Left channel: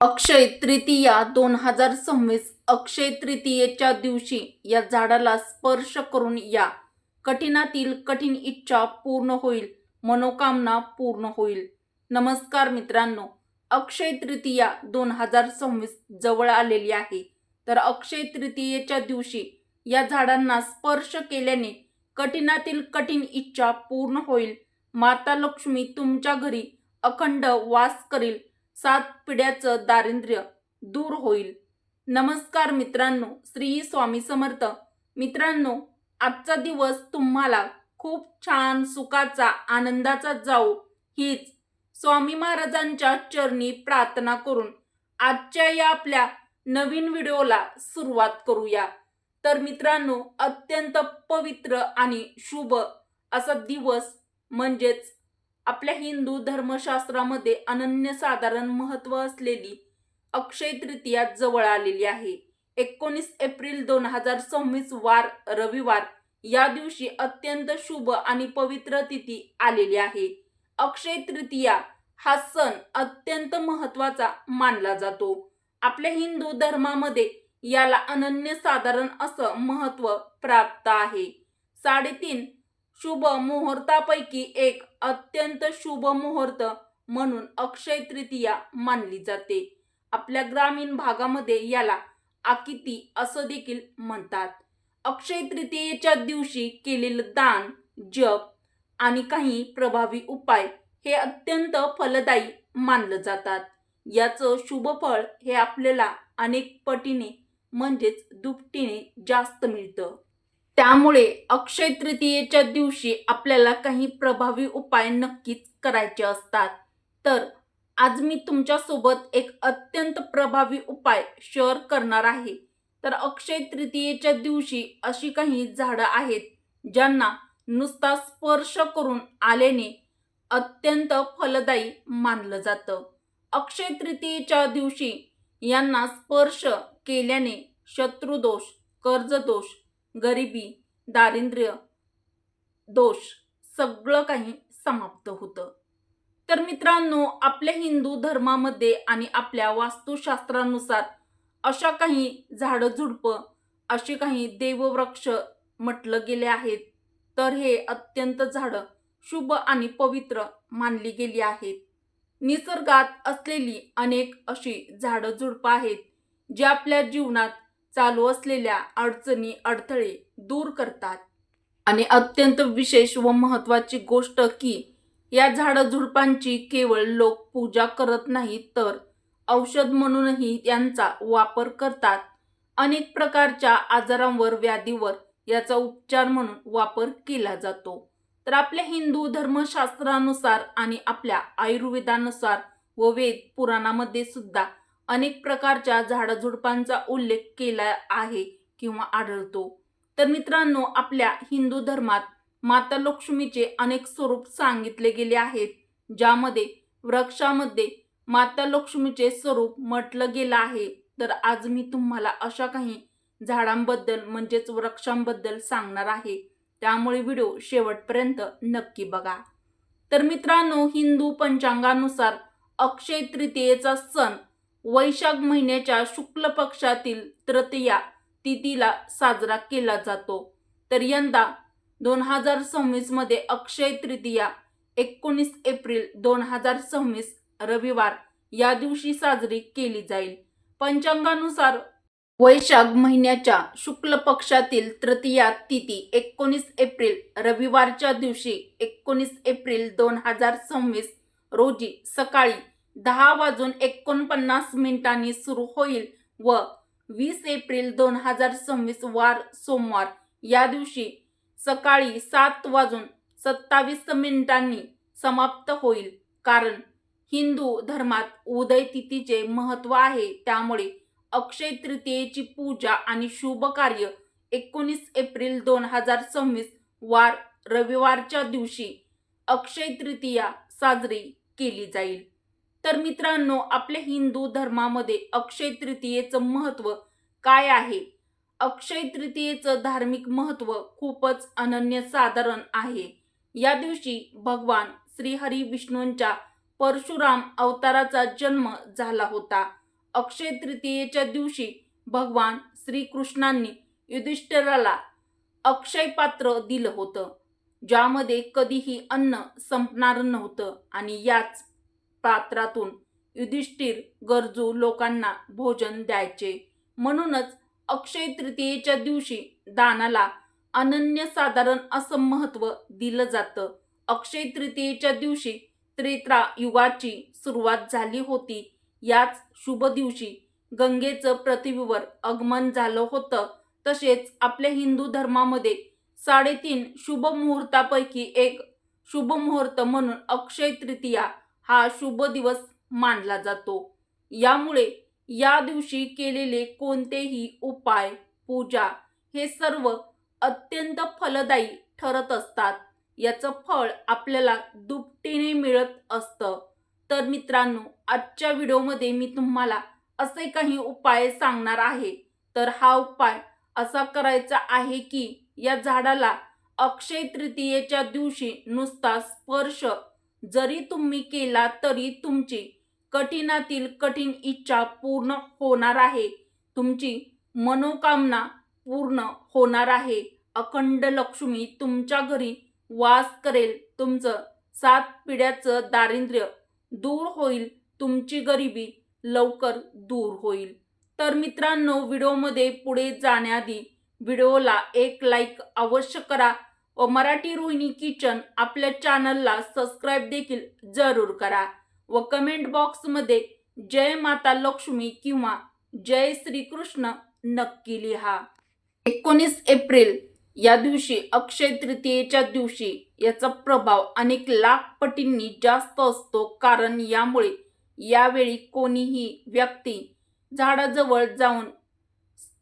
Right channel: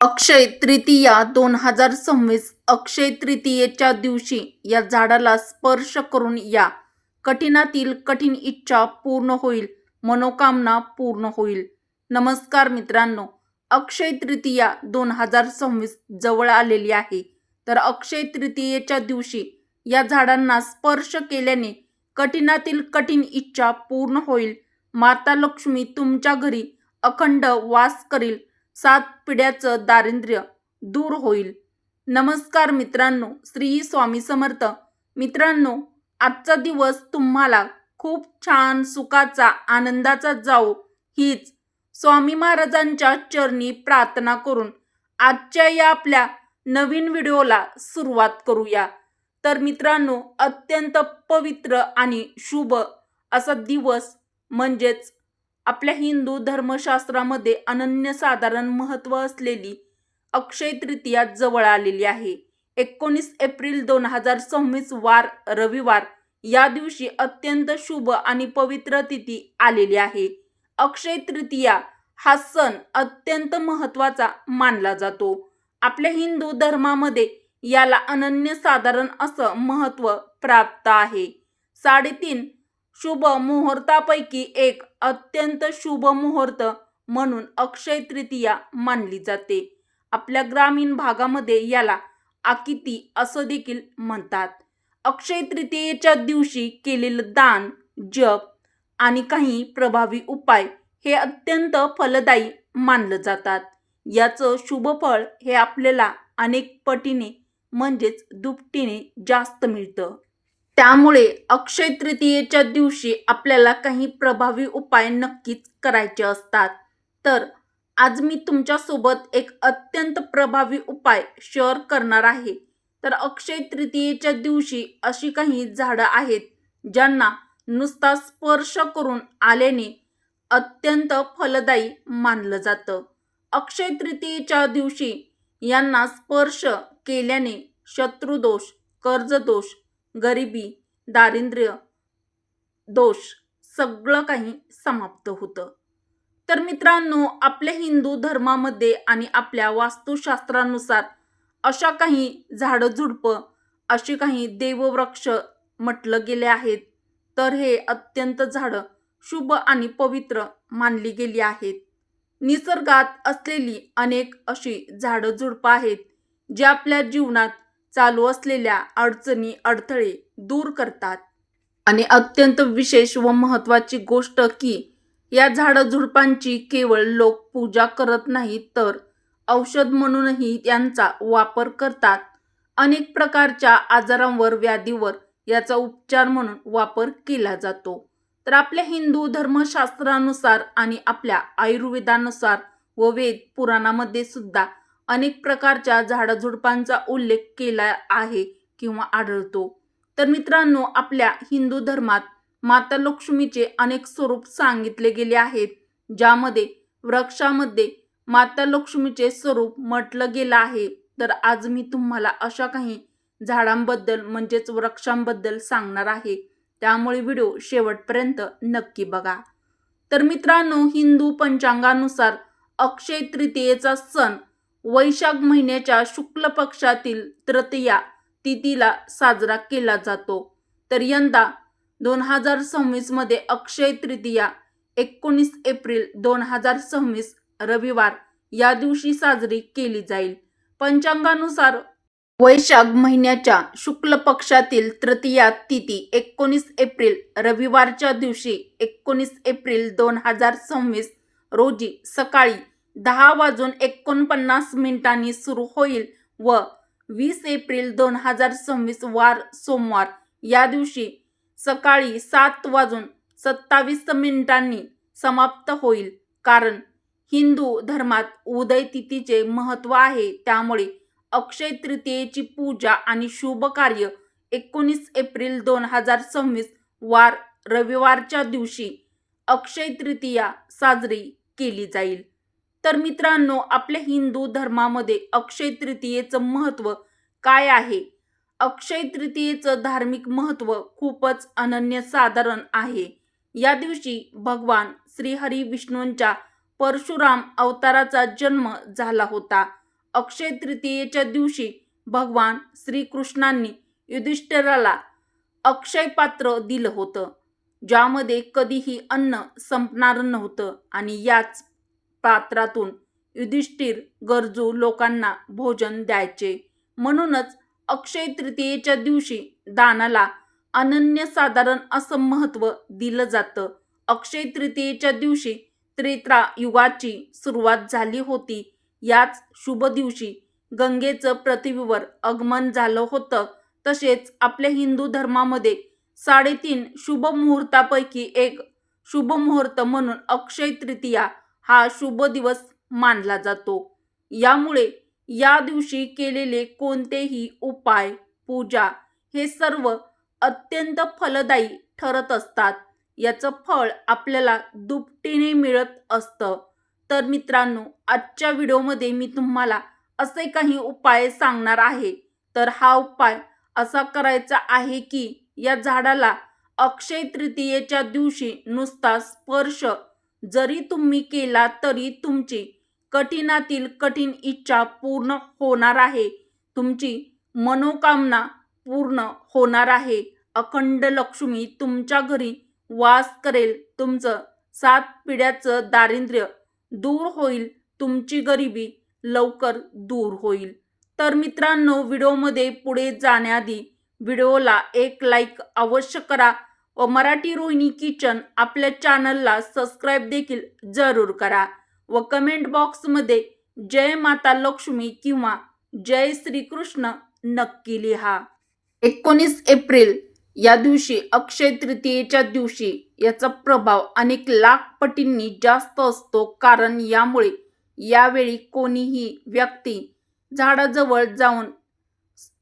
अक्षय तृतीया 2026 अक्षय तृतीयेच्या दिवशी या झाडाला स्पर्श करून या कठीणातील कठीण इच्छा पूर्ण होईल, मनोकामना पूर्ण होईल. नमस्कार मित्रांनो, अक्षय तृतीया 2026 जवळ आलेली आहे. तर अक्षय तृतीयेच्या दिवशी या झाडांना स्पर्श केल्याने कठीणातील कठीण इच्छा पूर्ण होईल. माता लक्ष्मी तुमच्या घरी अखंड वास करील. 7 पिढ्याचं दारिद्र्य दूर होईल. नमस्कार मित्रांनो, श्री स्वामी समर्थ. मित्रांनो, आजचा दिवस तुम्हाला खूप छान सुखाचा, आनंदाचा जाओ हीच स्वामी महाराजांच्या चरणी प्रार्थना करून आजच्या या आपल्या नवीन व्हिडिओला सुरुवात करूया. तर मित्रांनो, अत्यंत पवित्र आणि शुभ असा दिवस म्हणजेच आपल्या हिंदू धर्मशास्त्रामध्ये अनन्यसाधारण महत्त्व असलेली अक्षय तृतीया जवळ आलेली आहे. 19 एप्रिल 2026 वार रविवार या दिवशी अत्यंत शुभ आणि पवित्र तिथी आलेली आहे. अक्षय तृतीया हा सण अत्यंत महत्त्वाचा मानला जातो. आपल्या हिंदू धर्मामध्ये याला अनन्यसाधारण असं महत्त्व प्राप्त आहे. 3.5 शुभ मुहूर्तापैकी एक अत्यंत शुभ मुहूर्त म्हणून अक्षय तृतीया मानली जाते. आपल्या ग्रामीण भागामध्ये याला आकिती असं देखील म्हणतात. अक्षय तृतीयेच्या दिवशी केलेलं दान, जप आणि काही प्रभावी उपाय हे अत्यंत फलदायी मानलं जातात. याचं शुभफळ हे आपल्याला अनेक पटीने म्हणजेच दुपटीने जास्त मिळतं. त्यामुळे अक्षय तृतीयेच्या दिवशी आपल्याला काही प्रभावी उपाय नक्कीच करायचे असतात. तर आज मी तुमच्यासोबत एक अत्यंत प्रभावी उपाय शेअर करणार आहे. तर अक्षय तृतीयेच्या दिवशी अशी काही झाडं आहेत ज्यांना नुसता स्पर्श करून आल्याने अत्यंत फलदायी मानलं जातं. अक्षय तृतीयेच्या दिवशी यांना स्पर्श केल्याने शत्रुदोष, कर्जदोष, गरिबी, दारिद्र्य दोष सगळं काही समाप्त होतं. तर मित्रांनो, आपल्या हिंदू धर्मामध्ये आणि आपल्या वास्तुशास्त्रानुसार अशा काही झाडं-झुडपं, अशी काही देववृक्ष म्हटलं गेले आहेत. तर हे अत्यंत झाडं शुभ आणि पवित्र मानली गेली आहेत. निसर्गात असलेली अनेक अशी झाडं-झुडपं आहेत जी आपल्या जीवनात चालू असलेल्या अडचणी, अडथळे दूर करतात. आणि अत्यंत विशेष व महत्त्वाची गोष्ट की या झाडझुडपांची केवळ लोक पूजा करत नाहीत, तर औषध म्हणूनही यांचा वापर करतात. अनेक प्रकारच्या आजारांवर, व्याधीवर याचा उपचार म्हणून वापर केला जातो. तर आपल्या हिंदू धर्मशास्त्रानुसार आणि आपल्या आयुर्वेदानुसार व वेद पुराणामध्ये सुद्धा अनेक प्रकारच्या झाडझुडपांचा उल्लेख केला आहे किंवा आढळतो. तर मित्रांनो, आपल्या हिंदू धर्मात माता लक्ष्मीचे अनेक स्वरूप सांगितले गेले आहेत, ज्यामध्ये वृक्षामध्ये माता लक्ष्मीचे स्वरूप म्हटलं गेलं आहे. तर आज मी तुम्हाला अशा काही झाडांबद्दल म्हणजेच वृक्षांबद्दल सांगणार आहे. त्यामुळे व्हिडिओ शेवटपर्यंत नक्की बघा. तर मित्रांनो, हिंदू पंचांगानुसार अक्षय तृतीयेचा सण वैशाख महिन्याच्या शुक्ल पक्षातील तृतीया तिथीला साजरा केला जातो. तर यंदा 2026 मध्ये अक्षय तृतीया 19 एप्रिल 2026 रविवार या दिवशी साजरी केली जाईल. पंचांगानुसार वैशाख महिन्याच्या शुक्ल पक्षातील तृतीया तिथी 19 एप्रिल रविवारच्या दिवशी 19 एप्रिल 2026 रोजी सकाळी 10:49 सुरू होईल व 20 एप्रिल 2026 वार सोमवार या दिवशी सकाळी 7:27 समाप्त होईल. कारण हिंदू धर्मात उदय तिथीचे महत्त्व आहे. त्यामुळे अक्षय तृतीयेची पूजा आणि शुभ कार्य 19 एप्रिल 2026 वार रविवारच्या दिवशी अक्षय तृतीया साजरी केली जाईल. तर मित्रांनो, आपल्या हिंदू धर्मामध्ये अक्षय तृतीयेचं महत्त्व काय आहे? अक्षय तृतीयेचं धार्मिक महत्त्व खूपच अनन्यसाधारण आहे. या दिवशी भगवान श्री हरी विष्णूंच्या परशुराम अवताराचा जन्म झाला होता अक्षय तृतीयेच्या दिवशी भगवान श्रीकृष्णांनी युधिष्ठिराला अक्षय पात्र दिलं होतं, ज्यामध्ये कधीही अन्न संपणार नव्हतं आणि याच पात्रातून युधिष्ठिर गरजू लोकांना भोजन द्यायचे. म्हणूनच अक्षय तृतीयेच्या दिवशी दानाला अनन्यसाधारण असं महत्त्व दिलं जातं. अक्षय तृतीयेच्या दिवशी त्रेता युगाची सुरुवात झाली होती. याच शुभ दिवशी गंगेचं पृथ्वीवर आगमन झालं होतं. तसेच आपल्या हिंदू धर्मामध्ये 3.5 शुभ मुहूर्तापैकी एक शुभ मुहूर्त म्हणून अक्षय तृतीया हा शुभ दिवस मानला जातो. यामुळे या दिवशी केलेले कोणतेही उपाय, पूजा हे सर्व अत्यंत फलदायी ठरत असतात. याचं फळ आपल्याला दुपटीने मिळत असतं. तर मित्रांनो, आजच्या व्हिडिओमध्ये मी तुम्हाला असे काही उपाय सांगणार आहे. तर हा उपाय असा करायचा आहे की या झाडाला अक्षय तृतीयेच्या दिवशी नुसता स्पर्श जरी तुम्ही केला तरी तुमची कठीणातील कठीण इच्छा पूर्ण होणार आहे. तुमची मनोकामना पूर्ण होणार आहे. अखंड लक्ष्मी तुमच्या घरी वास करेल. तुमचं 7 पिढ्याचं दारिद्र्य दूर होईल. तुमची गरिबी लवकर दूर होईल. तर मित्रांनो, व्हिडिओमध्ये पुढे जाण्याआधी व्हिडिओला एक लाईक अवश्य करा व मराठी रोहिणी किचन आपल्या चॅनलला सबस्क्राईब देखील जरूर करा व कमेंट बॉक्समध्ये जय माता लक्ष्मी किंवा जय श्रीकृष्ण नक्की लिहा. 19 एप्रिल या दिवशी अक्षय तृतीयेच्या दिवशी याचा प्रभाव अनेक लाख पटींनी जास्त असतो, कारण यामुळे यावेळी कोणीही व्यक्ती झाडाजवळ जाऊन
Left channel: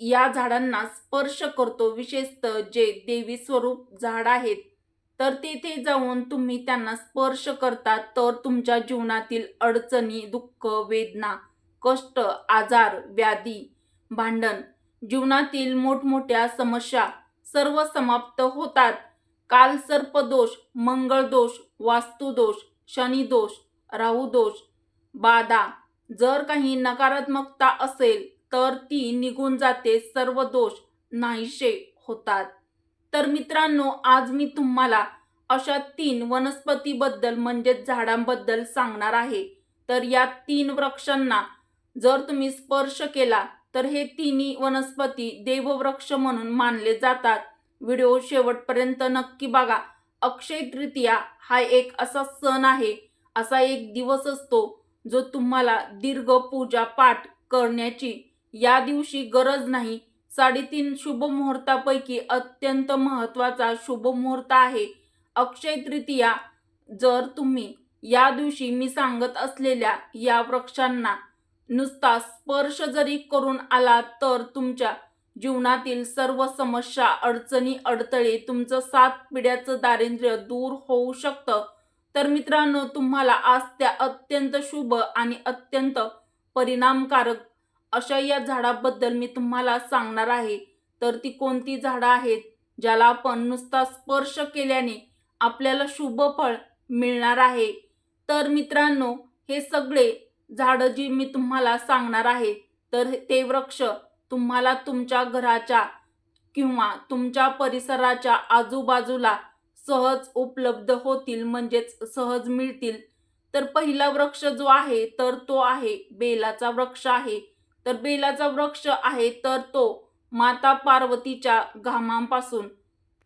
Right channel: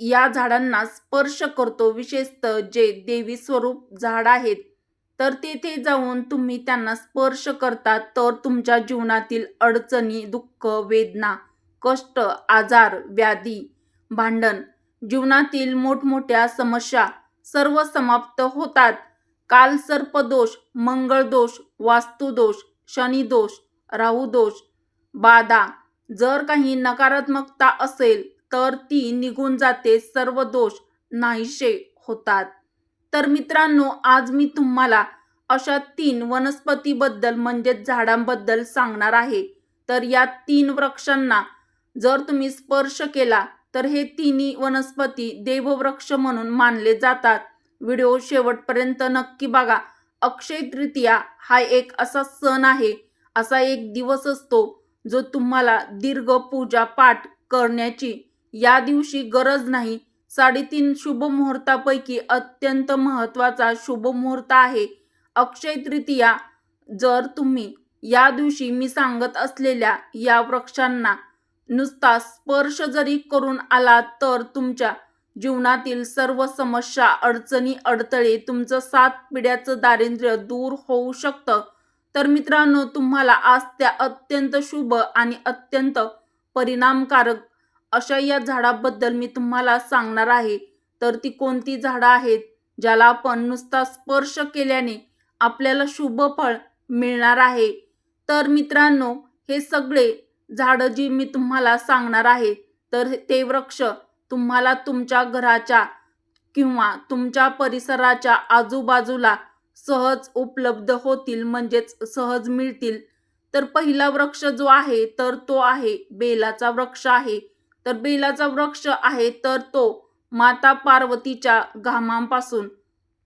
या झाडांना स्पर्श करतो. विशेषतः जे देवी स्वरूप झाड आहेत, तर तेथे जाऊन तुम्ही त्यांना स्पर्श करता तर तुमच्या जीवनातील अडचणी, दुःख, वेदना, कष्ट, आजार, व्याधी, भांडण, जीवनातील मोठमोठ्या समस्या सर्व समाप्त होतात. कालसर्पदोष, मंगळदोष, वास्तुदोष, शनिदोष, राहुदोष, बाधा, जर काही नकारात्मकता असेल तर ती निघून जाते. सर्व दोष नाहीसे होतात. तर मित्रांनो, आज मी तुम्हाला अशा 3 वनस्पतीबद्दल म्हणजेच झाडांबद्दल सांगणार आहे. तर या 3 वृक्षांना जर तुम्ही स्पर्श केला तर हे तिन्ही वनस्पती देववृक्ष म्हणून मानले जातात. व्हिडिओ शेवटपर्यंत नक्की बघा. अक्षय तृतीया हा एक असा सण आहे, असा एक दिवस असतो जो तुम्हाला दीर्घ पूजा पाठ करण्याची या दिवशी गरज नाही. 3.5 शुभ मुहूर्तापैकी अत्यंत महत्त्वाचा शुभ मुहूर्त आहे अक्षय तृतीया. जर तुम्ही या दिवशी मी सांगत असलेल्या या वृक्षांना नुसता स्पर्श जरी करून आला तर तुमच्या जीवनातील सर्व समस्या, अडचणी, अडथळे, तुमचं 7 पिढ्याचं दारिद्र्य दूर होऊ शकतं. तर मित्रांनो, तुम्हाला आज त्या अत्यंत शुभ आणि अत्यंत परिणामकारक अशा या झाडाबद्दल मी तुम्हाला सांगणार आहे. तर ती कोणती झाडं आहेत ज्याला आपण नुसता स्पर्श केल्याने आपल्याला शुभ फळ मिळणार आहे. तर मित्रांनो, हे सगळे झाडं जी मी तुम्हाला सांगणार आहे, तर ते वृक्ष तुम्हाला तुमच्या घराच्या किंवा तुमच्या परिसराच्या आजूबाजूला सहज उपलब्ध होतील, म्हणजेच सहज मिळतील. तर पहिला वृक्ष जो आहे तर तो आहे बेलाचा वृक्ष आहे. तर बेलाचा वृक्ष आहे तर तो माता पार्वतीच्या घामापासून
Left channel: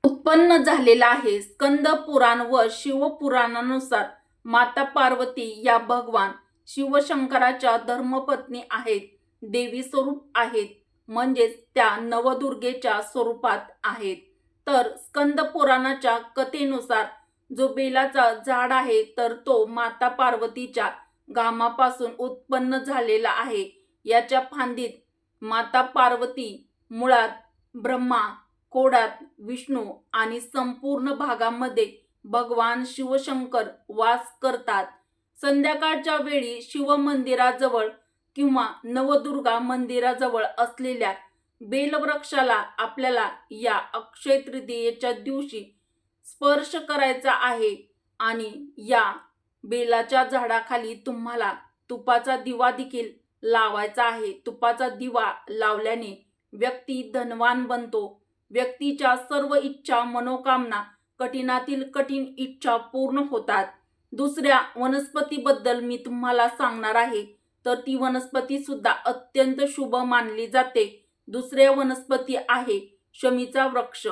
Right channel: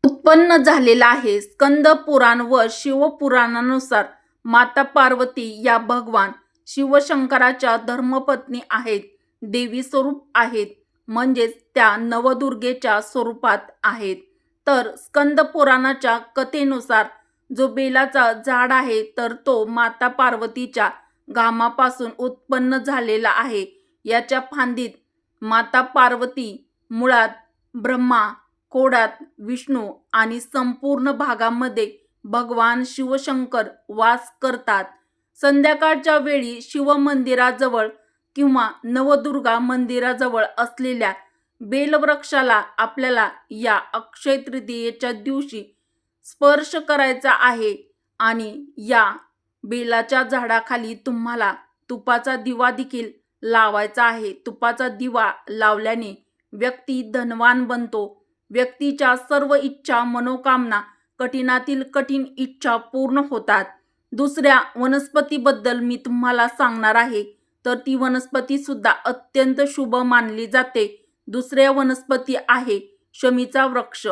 उत्पन्न झालेला आहे. स्कंद पुराण व शिवपुराणानुसार माता पार्वती या भगवान शिवशंकराच्या धर्मपत्नी आहेत. देवी स्वरूप आहेत, म्हणजेच त्या नवदुर्गेच्या स्वरूपात आहेत. तर स्कंद पुराणाच्या कथेनुसार जो बेलाचा झाड आहे तर तो माता पार्वतीच्या घामापासून उत्पन्न झालेला आहे. याच्या फांदीत माता पार्वती, मुळात ब्रह्मा, खोडात विष्णू आणि संपूर्ण भागामध्ये भगवान शिवशंकर वास करतात. संध्याकाळच्या वेळी शिवमंदिराजवळ किंवा नवदुर्गा मंदिराजवळ असलेल्या बेलवृक्षाला आपल्याला या अक्षय तृतीयेच्या दिवशी स्पर्श करायचा आहे आणि या बेलाच्या झाडाखाली तुम्हाला तुपाचा दिवा देखील लावायचा आहे. तुपाचा दिवा लावल्याने व्यक्ती धनवान बनतो. व्यक्तीच्या सर्व इच्छा, मनोकामना, कठीणातील कठीण इच्छा पूर्ण होतात. दुसऱ्या वनस्पतीबद्दल मी तुम्हाला सांगणार आहे, तर ती वनस्पती सुद्धा अत्यंत शुभ मानली जाते. दुसऱ्या वनस्पती आहे शमीचा वृक्ष.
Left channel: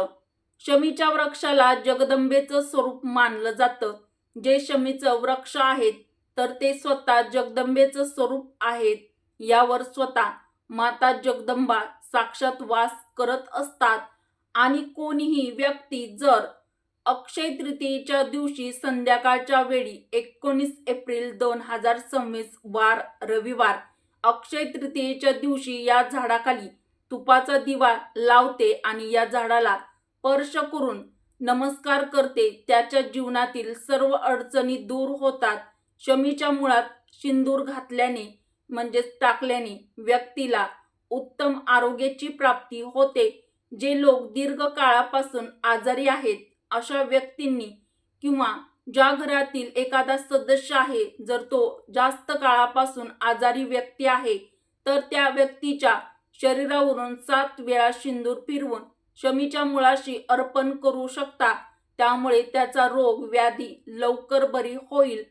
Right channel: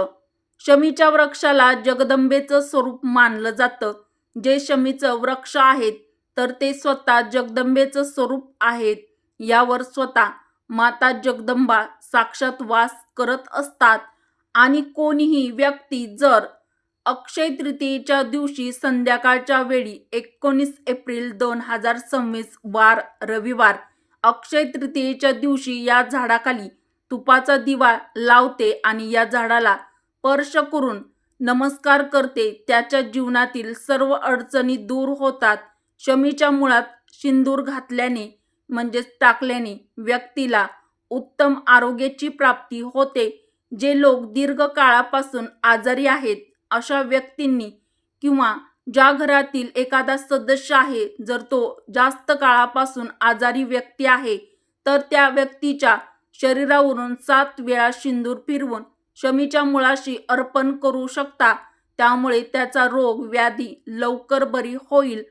शमीच्या वृक्षाला जगदंबेचं स्वरूप मानलं जातं. जे शमीचं वृक्ष आहेत, तर ते स्वतः जगदंबेचं स्वरूप आहेत. यावर स्वतः माता जगदंबा साक्षात वास करत असतात. आणि कोणीही व्यक्ती जर अक्षय तृतीयेच्या दिवशी संध्याकाळच्या वेळी 19 एप्रिल 2026 वार रविवार अक्षय तृतीयेच्या दिवशी या झाडाखाली तुपाचा दिवा लावते आणि या झाडाला स्पर्श करून नमस्कार करते, त्याच्या जीवनातील सर्व अडचणी दूर होतात. शमीच्या मुळात सिंदूर घातल्याने म्हणजेच टाकल्याने व्यक्तीला उत्तम आरोग्याची प्राप्ती होते. जे लोक दीर्घ काळापासून आजारी आहेत अशा व्यक्तींनी किंवा ज्या घरातील एखादा सदस्य आहे, जर तो जास्त काळापासून आजारी व्यक्ती आहे, तर त्या व्यक्तीच्या शरीरावरून 7 वेळा सिंदूर फिरवून शमीच्या मुळाशी अर्पण करू शकता. त्यामुळे त्याचा रोग व्याधी लवकर बरी होईल.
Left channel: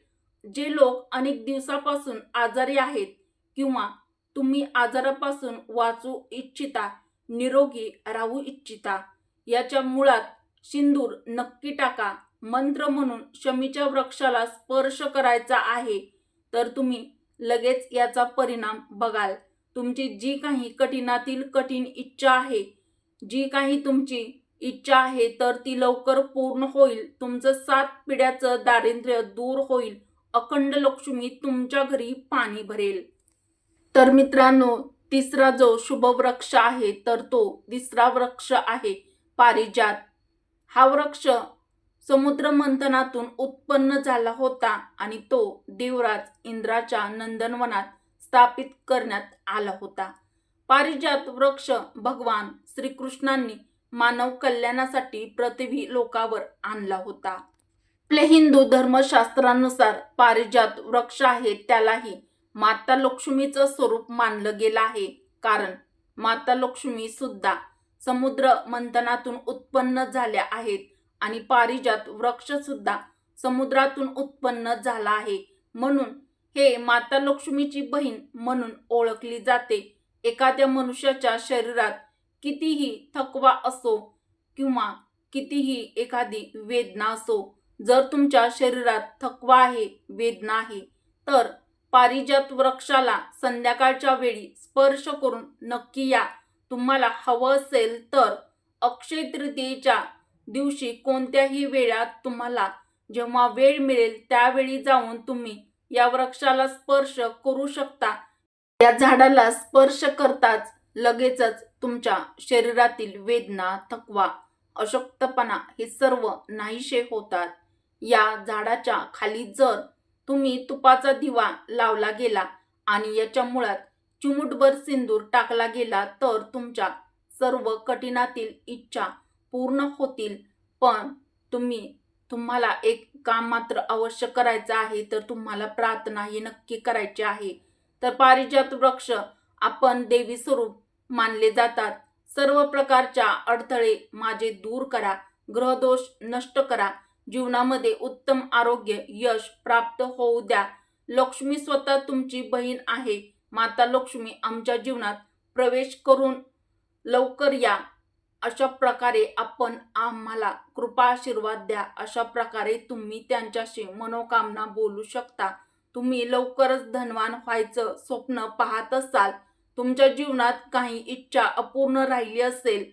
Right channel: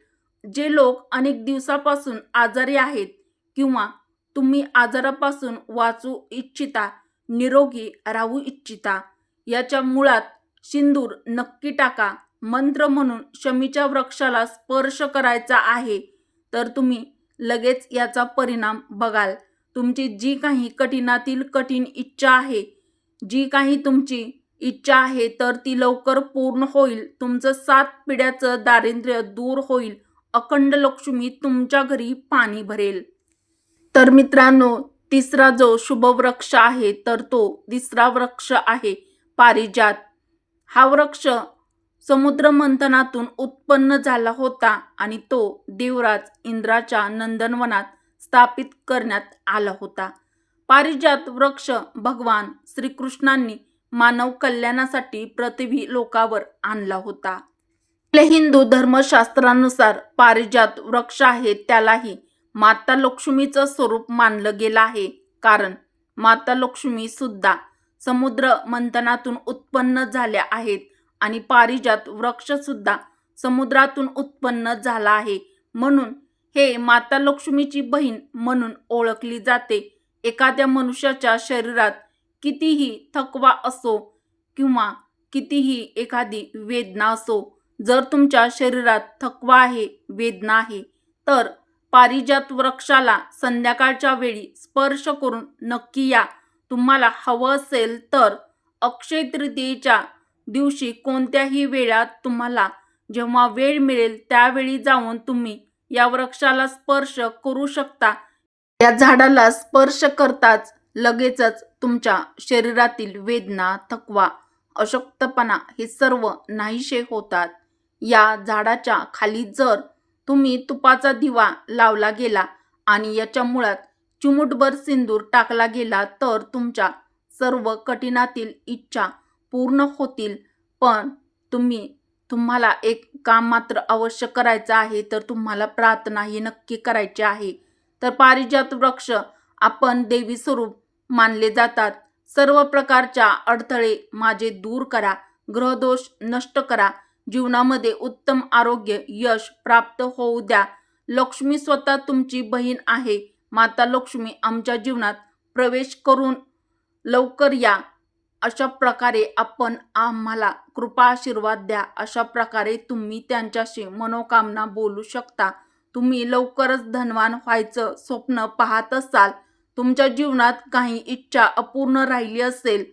जे लोक अनेक दिवसापासून आजारी आहेत किंवा तुम्ही आजारापासून वाचू इच्छिता, निरोगी राहू इच्छिता, याच्या मुळात सिंदूर नक्की टाका. मंत्र म्हणून शमीच्या वृक्षाला स्पर्श करायचा आहे, तर तुम्ही लगेच याचा परिणाम बघाल. तुमची जी काही कठीणातील कठीण इच्छा आहे, जी काही तुमची इच्छा आहे, तर ती लवकर पूर्ण होईल. तुमचं 7 पिढ्याचं दारिद्र्य दूर होईल. अखंड लक्ष्मी तुमच्या घरी पाणी भरेल. तर मित्रांनो, तिसरा जो शुभ वृक्ष आहे, तर तो तिसरा वृक्ष आहे पारिजात. हा वृक्ष समुद्र मंथनातून उत्पन्न झाला होता आणि तो देवराज इंद्राच्या नंदनवनात स्थापित करण्यात आला होता. पारिजात वृक्ष भगवान श्रीकृष्णांनी मानव कल्याणासाठी पृथ्वी लोकावर आणला होता. आपल्या हिंदू धर्मशास्त्रानुसार पारिजात वृक्ष आहे त्यालाही माता लक्ष्मीचं स्वरूप मानलं गेलं आहे. कारण माता लक्ष्मी सुद्धा समुद्र मंथनातून उत्पन्न झाल्या आहेत आणि पारिजात वृक्ष सुद्धा समुद्रातून उत्पन्न झाला आहे. म्हणून हे माता लक्ष्मीची बहीण म्हणून ओळखली जाते. एखाद्या मनुष्याच्या शरीरात कितीही थकवा असो किंवा कितीही एखादी वेदना असो, जर तुमच्या शरीरात थकवा आहे, वेदना आहे, तर पारिजात वृक्षाला संध्याकाळच्या वेळी स्पर्श करून नक्की या. तुम्हाला हवं असेल तर अक्षय तृतीयेच्या दिवशी कोणत्याही वेळात तुम्हाला जेव्हा वेळ मिळेल त्यावेळी जाऊन तुम्ही या वृक्षाला स्पर्श करू शकता. या झाडाला स्पर्श करताच लगेचच तुमच्या शरीरातील वेदना, थकवा, अशक्तपणा हे सर्व नाहीसे होतात. या झाडाच्या खाली जर तुम्ही तुपाचा दिवा लावला गेला आणि याच्या मुळात चिमूटभर सिंदूर टाकला गेला, तर तुमच्या सर्व कठीणातील इच्छा पूर्ण होतील. पण तुम्हाला एक काम मात्र अवश्य करायचं आहे, तर तुम्हाला प्रार्थना ही नक्की करायची आहे. तर पारिजात वृक्ष आपण देवी स्वरूप मानले जातात. सर्व प्रकारच्या अडथळे माझे दूर करा, ग्रहदोष नष्ट करा, जीवनामध्ये उत्तम आरोग्य, यश प्राप्त होऊ द्या. लक्ष्मी स्वतः तुमची बहीण आहे. माता लक्ष्मी आमच्या जीवनात प्रवेश करून लवकर या. अशा प्रकारे आपण आम्हाला कृपा आशीर्वाद द्या. अशा प्रकारे तुम्ही त्यांच्याशी मनोकामना बोलू शकता. तुम्ही लवकरच धनवान व्हायचं स्वप्न पाहत असाल, तुमच्या जीवनात काही इच्छा अपूर्ण राहिली असेल,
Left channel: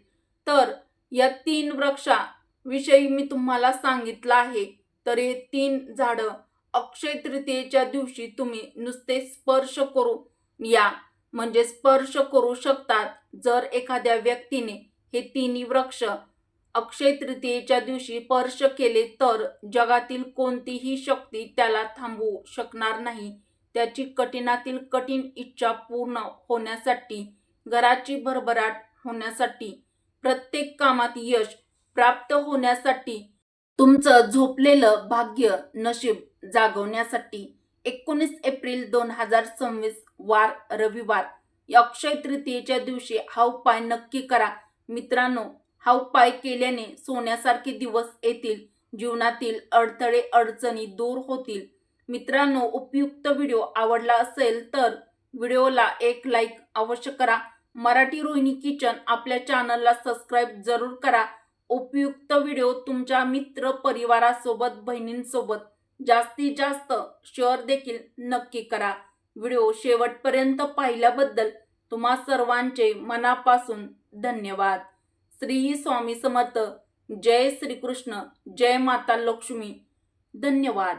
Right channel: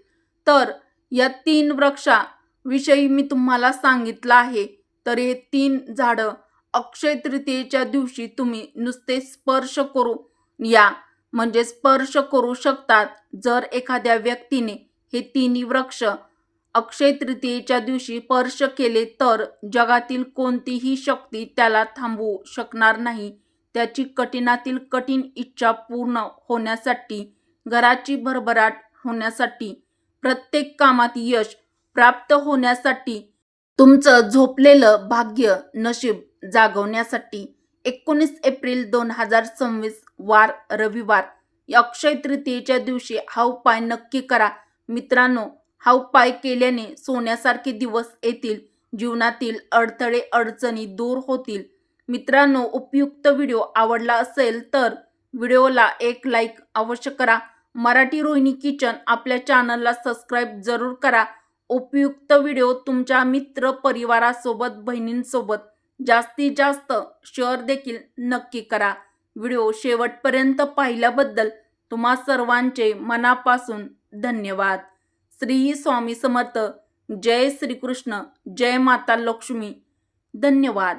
तर या 3 वृक्षाविषयी मी तुम्हाला सांगितलं आहे. तर हे 3 झाडं अक्षय तृतीयेच्या दिवशी तुम्ही नुसते स्पर्श करू या, म्हणजे स्पर्श करू शकतात. जर एखाद्या व्यक्तीने हे 3 वृक्ष अक्षय तृतीयेच्या दिवशी स्पर्श केले, तर जगातील कोणतीही शक्ती त्याला थांबवू शकणार नाही. त्याची कठीणातील कठीण इच्छा पूर्ण होण्यासाठी, घराची भरभराट होण्यासाठी, प्रत्येक कामात यश प्राप्त होण्यासाठी, तुमचं झोपलेलं भाग्य नशीब जागवण्यासाठी 19 एप्रिल 2026 वार रविवार या अक्षय तृतीयेच्या दिवशी हा उपाय नक्की करा. मित्रांनो, हा उपाय केल्याने सोन्यासारखे दिवस येतील. जीवनातील अडथळे अडचणी दूर होतील. मित्रांनो, उपयुक्त व्हिडिओ आवडला असेल तर व्हिडिओला एक लाईक अवश्य करा. मराठी रोहिणी किचन आपल्या चॅनलला सबस्क्राईब जरूर करा. उपयुक्त व्हिडिओ तुमच्या मित्र परिवारासोबत बहिणींसोबत जास्तीत जास्त शेअर देखील नक्की करा. व्हिडिओ शेवटपर्यंत पाहिल्याबद्दल तुम्हा सर्वांचे मनापासून धन्यवाद. श्री स्वामी समर्थ. जय श्रीकृष्ण. जय माता लक्ष्मी. धन्यवाद.